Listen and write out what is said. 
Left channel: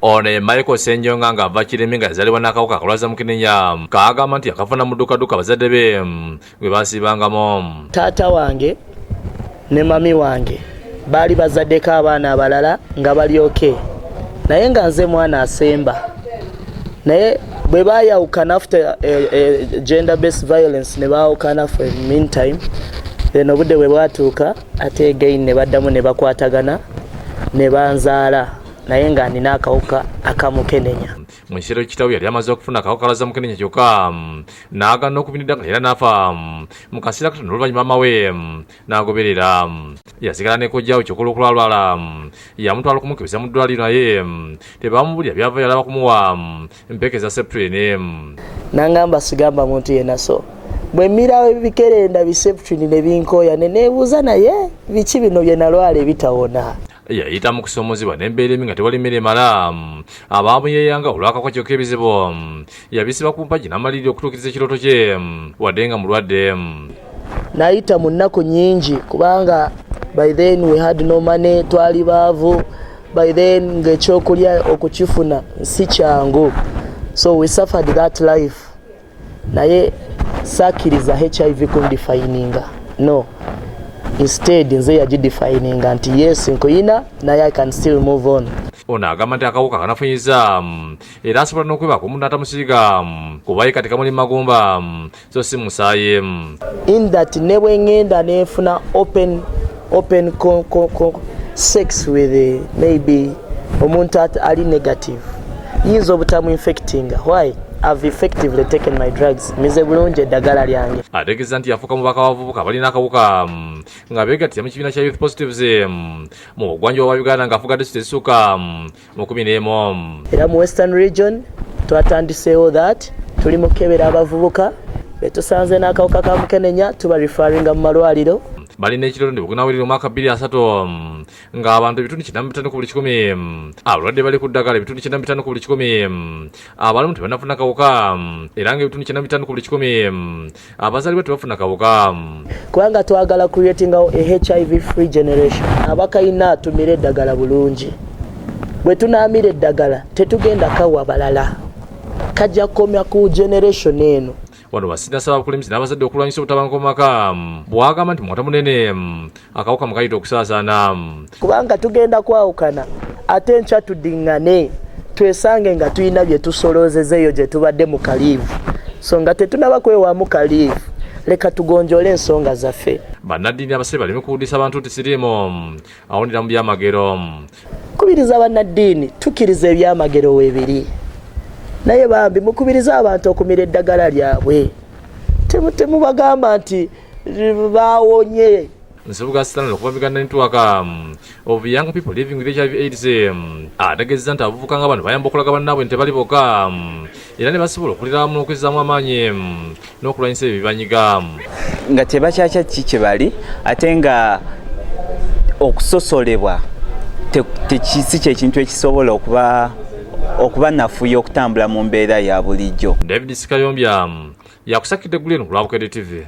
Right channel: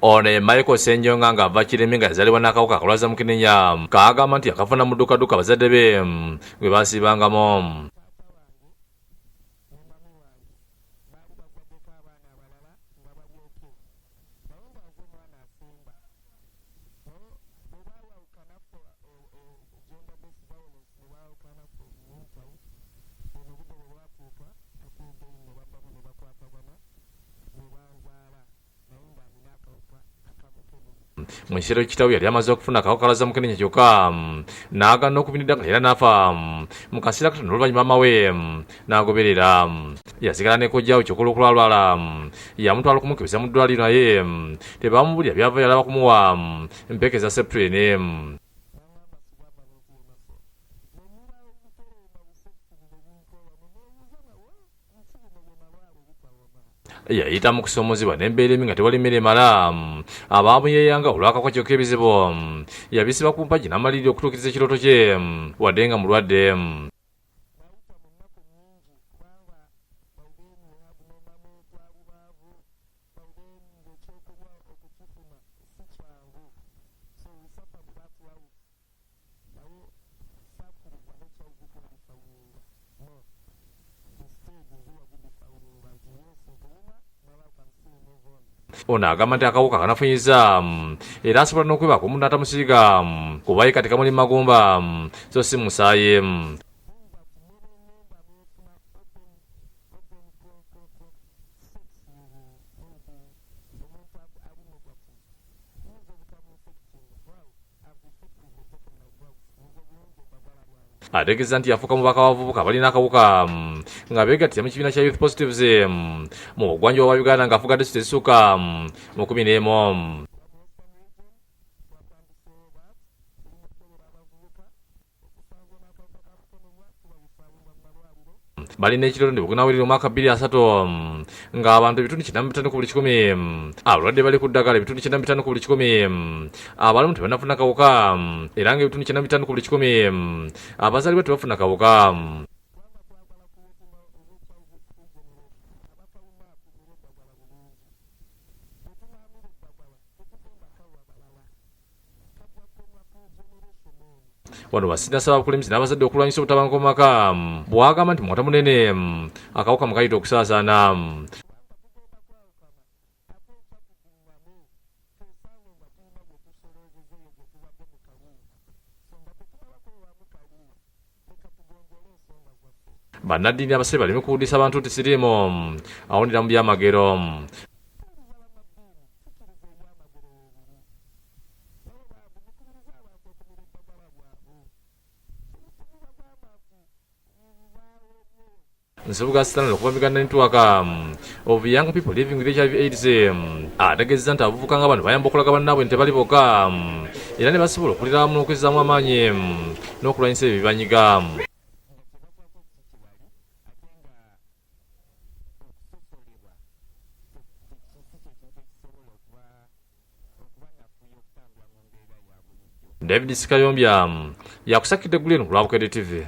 One Michael Senjonga nga ava Kiremi nga yazalibwa n'akawuka akalwaza Mukenenya kaagamba nti yakafuna mu ddukaduka bazadde be gwe baasiibangamo. Taata wange ne mami wange baali bazaddeko abaana abalala nga bali okay, naye nga nze mwana asemba. Naye bwe baayawukana after gender based violence ne baawukana for a meantime, then obudde bwe bwatuuka ate again ne baddamu ne bakwatagana ne banzaala, naye nga nina akawuka akamukenenya. Mu kiseera kitaawe yali amaze okufuna akawuka kalwaza Mukenenya kyokka n'agaana okubinidda era n'afa mu kaseera katono oluvannyuma maama we n'agoberera. Yasigala ne kojjaawe kyokkola okulwalwala yamutwala okumukebeza mu ddwaliro naye tebamubulira byava yalaba kumuwa empeke za septrin. Nangamba sigamba muntu yenna, so bwe mmirawo ebikerenda biseptrin ne binkooya ne neebuuza naye biki bino bye nalwala ebitawona. Yayita mu kusoomozebwa n'embeera embi nga tewali mmere emala. Abaamuyeyanga olw'akawuka kyokka ebizibu yabisiba ku mpagi n'amalirira okutuukiriza ekirooto kye wadde nga mulwadde. Nayita mu nnaku nnyingi kubanga by then we had no money, twali baavu. By then ng'ekyokulya okukifuna si kyangu, so we suffered that life. Naye sakkiriza HIV kundifininga, no. Instead nze yagidefininga nti yes nkuyina naye I can still move on. Ono agamba nti akawuka kanafunyiza era asobola n'okwebaka omuntu n'atamusiiga kuba ye kati kamuli magumba so si musaayi. In that ne bwe ngenda neefuna open sex with maybe omuntu ali negative yinza obutamu infecting. Why? I've effectively taken my drugs. Mize bulungi eddagala lyange. Ategeeza nti yafuuka mubaka w'abavubuka balina akawuka nga beegattira mu kibiina kya Youth Positives mu bugwanjuba bwa Uganda ng'afuga disitulikiti ezisukka mu 11. Era mu Western Region twatandiseewo that tuli mu kukebera abavubuka betusanze n'akawuka ka Mukenenya tuba referringa mu malwaliro. Balina ekirooto nti bugunaawulira omwaka 2003 ng'abantu ebitundu 95 ku buli 100 abalwadde bali ku ddagala ebitundu 95 ku buli 100 abalamu tebannafuna kawuka era ng'ebitundu 95 ku buli 100 abazaalibwa tebafuna kawuka. Kubanga twagala creatingawo a HIV free generation. Abakayina tumire eddagala bulungi. Bwe tunaamira eddagala tetugenda kawa balala, kajja kukomya ku generation eno. Wano basina saba abakulembeze n'abazadde okulwanyisa obutabanguko mu maka bw'agamba nti mwata munene akawuka mukayita okusaasaana. Kubanga tugenda kwawukana ate enkya tuddiŋŋane twesange nga tulina bye tusoloozezeeyo gye tubadde mu kaliivu, so nga tetunaba kwewaamu kaliivu leka tugonjole ensonga zaffe. Bannaddiini abasebe baleme kuwuliriza abantu nti siriimu awulira mu byamagero. Kubiriza bannaddiini tukkiriza ebyamagero weebiri, naye bambi mukubiriza abantu okumira eddagala lyabwe, temubagamba nti baawonye. Nsibuga Stanley okuva Uganda Network of Young People Living with HIV/AIDS ategeeza nti abavubuka nga bano bayamba okulaga bannaabwe nti tebali bokka era ne basobola okulira wamu n'okwezzaamu amaanyi n'okulwanyisa ebyo bibanyiga. Nga tebakyakya ki kye bali ate nga okusosolebwa si kyekintu ekisobola okuba nafuya okutambula mu mbeera ya bulijjo. David Sikayombya yakusakidde eggulu eno ku Lwabukedde TV.